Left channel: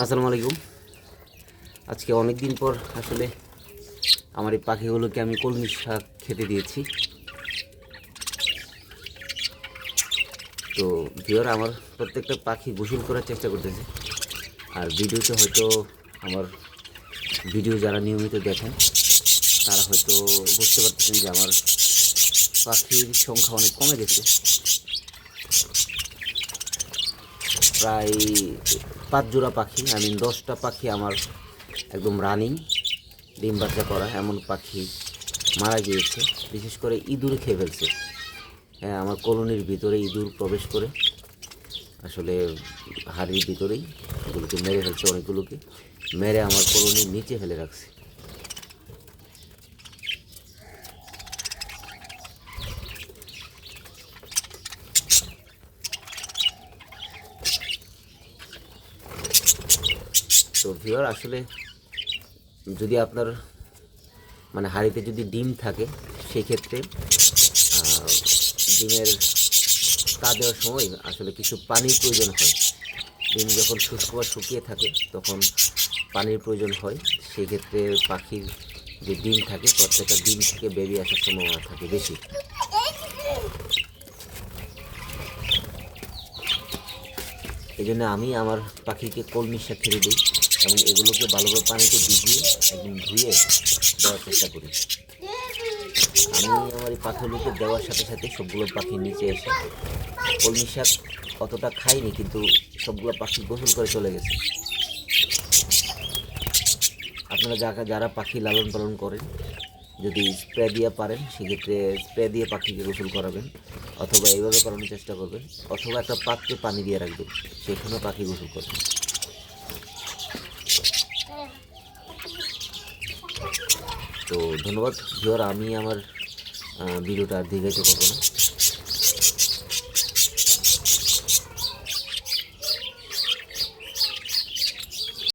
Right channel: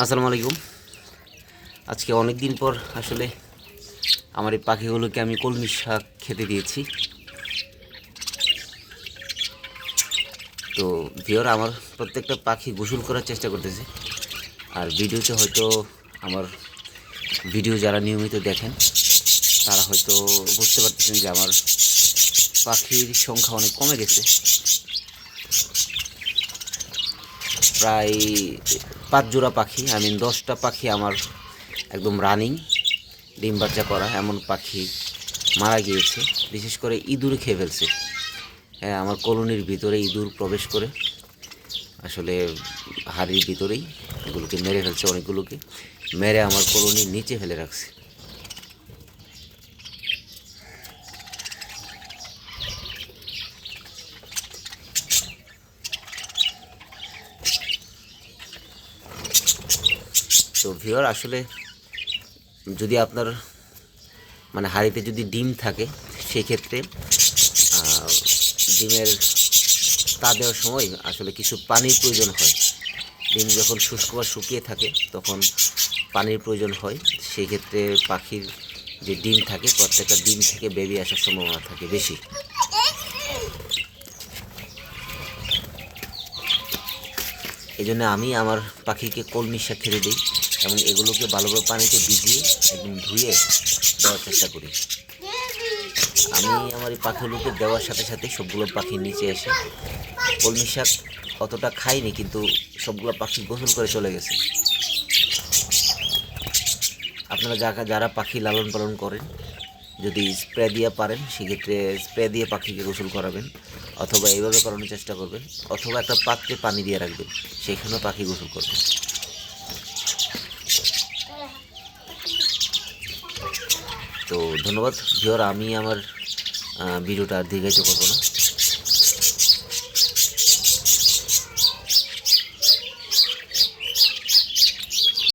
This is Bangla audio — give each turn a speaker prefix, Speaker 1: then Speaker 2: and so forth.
Speaker 1: আসসালামু আলাইকুম। আজকে অনেক দিন পর আসলে আমার এই পাখিগুলোকে আমি কলমি শাক খেতে দিয়েছি। তো ভিওর, আমার প্রত্যেকটা পাখি গোসল করার চেষ্টা করতেছে। আর ভিডিওতে হয়তো আমার ভিডিও যারা নিয়মিত দেখেন, তারা হয়তো বুঝতে পারতেছেন যে আমার পাখির সংখ্যা অনেক কমে গেছে। প্রায় পাঁচ জোড়া পাখি আই মিন দশটা পাখি আমার একদম রানিং ডিম বাচ্চা করা, এমন পাখি মারা গিয়েছে। বিশেষ করে ইঁদুরে খেয়ে ফেলছে। হ্যাঁ আমার কলোনির ভিতরে ইঁদুর প্রবেশ করে। আসলে হাড়ির ভিতরেই এগুলোকে মেরে ফেলছে অনেকগুলোকে। মেরে আমার কলোনির নিচে ফেলে রাখছে। তো ভিওর আসলে যদি আপনার মানে হাঁড়িতে যদি ডিম থাকে, সেক্ষেত্রে ডিমের তা দেওয়ার সময় আসলে কিছু পানির প্রয়োজন হয়। ডিম যখন শুষ্ক বা শুকিয়ে থাকে, তখন পানির প্রয়োজন হয়। সেই ক্ষেত্রে পাখির যে ডিম থাকে, প্রত্যেকটা ডিম থেকে বেবি আসার সম্ভাবনা থাকে বেশি। এই জন্য আমি আমার পাখিকে কলমি শাক দিই। এবং এগুলোকে ভালোভাবে পানিতে ভিজিয়ে একদম ধুয়ে দেওয়ার চেষ্টা করি। আমি আমার এই পাখিগুলোকে দেওয়ার সাথে সাথে সবগুলো পাখির নিচে এসে কলমি শাক অতটা খাইনি, কিন্তু সবগুলো পাখি গোসল করে চলে গেছে। আপনারা যারা যারা পাখি লালন পালন করেন, যদি স্প্রে দিয়ে পারেন, সেক্ষেত্রে স্প্রে দিয়ে পাখিকে গোসল করাবেন অথবা এইভাবে করানোর চেষ্টা করবেন, অথবা একটা পাত্রে পানি দিয়ে রাখবেন, সেখানেও পাখি গোসল করবেন তো ধন্যবাদ ভিওর আমি আমার ভিডিওটা আর দীর্ঘায়িত করব না।